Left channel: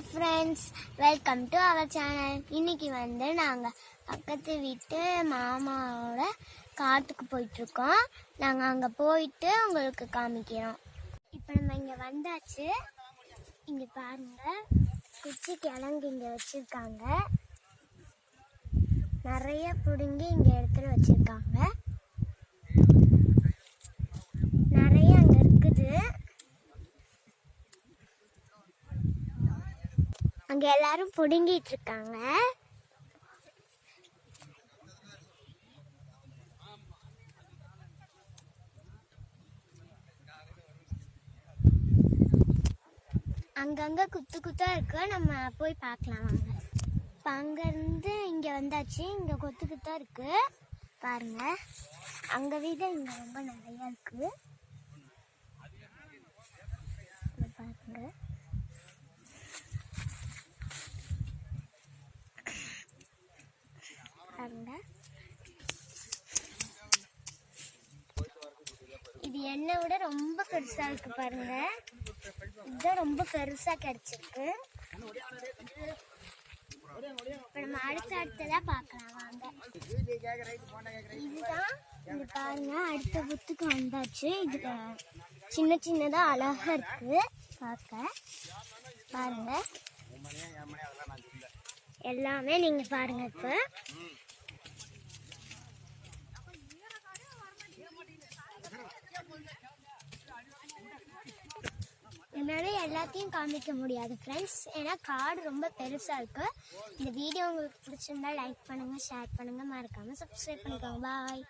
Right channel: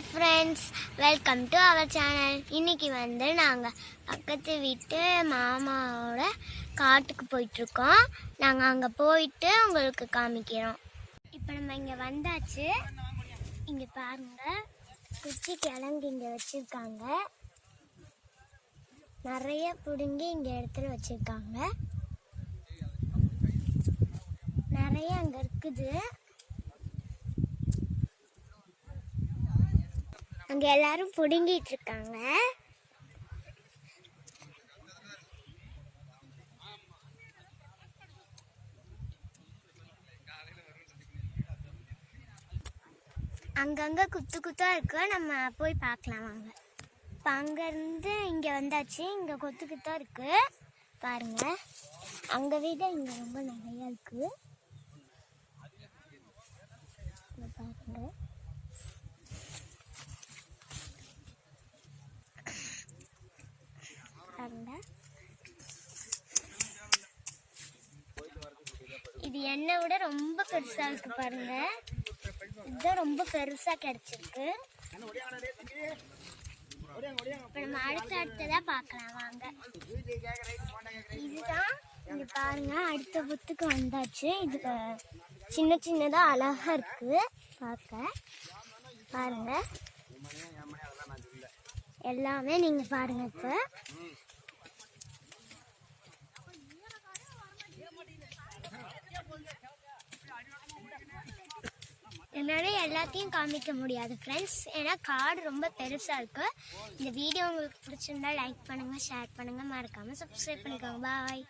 Hi friends, welcome to our channel. இன்றைக்கி நாங்கள் பக்கத்து வீட்டு மாமாவோட காட்டுக்கு போயிட்டுருக்கோம். நாங்கள் அங்கே போயிட்டு உங்களுக்கு காமிக்கிறோம். இப்போ நம்ம இங்கே வந்தாச்சு. இங்கே பாருங்கள், குச்சி கிழங்கு இங்கே வச்சுருக்காங்க. நிறைய பிடுங்கி இங்கே இடத்துல வச்சுருக்காங்க. நிறைய அங்கே இருக்குது. அங்கே எல்லாரும் பிடுங்கிட்டு இருக்காங்க. அங்கங்கே குத்து குத்தா இருக்கு, நம்ம போய் பார்க்கலாம் வாங்க. இப்போ அங்கேருந்து இங்கே வந்தாச்சு. இங்கே கொத்து குத்தா இருக்கு பாருங்க. அங்கே வீடு இங்கே ரொம்ப நிறையா இருக்கு பாருங்க. இது என்னை விட ரொம்ப பெருசா இருக்கு பாருங்க. இதுதான் ரொம்ப பெருசா கிடைச்சிருக்கு. இப்ப நம்ம அடுத்ததா பார்க்கலாம் வாங்க. இதுதான் இங்க பாருங்க, அடுத்த புத்துக்கு வந்தாச்சு. இது சின்ன சின்னதா அழகா இருக்கு பார்க்க. பாருங்க எல்லாமே நீங்க பாருங்க. இப்ப என்னால் எல்லாத்தையும் காமிக்க முடியாது ஃப்ரெண்ட்ஸ், ஏன்னா காடு ரொம்ப பெருசாக இருக்குது. இந்த வீடியோ உங்களுக்கு பிடிச்சிருந்தா லைக் பண்ணுங்கள், ஷேர் பண்ணுங்கள், மறக்காமல் சப்ஸ்கிரைப் பண்ணிக்கோங்க. பாய்.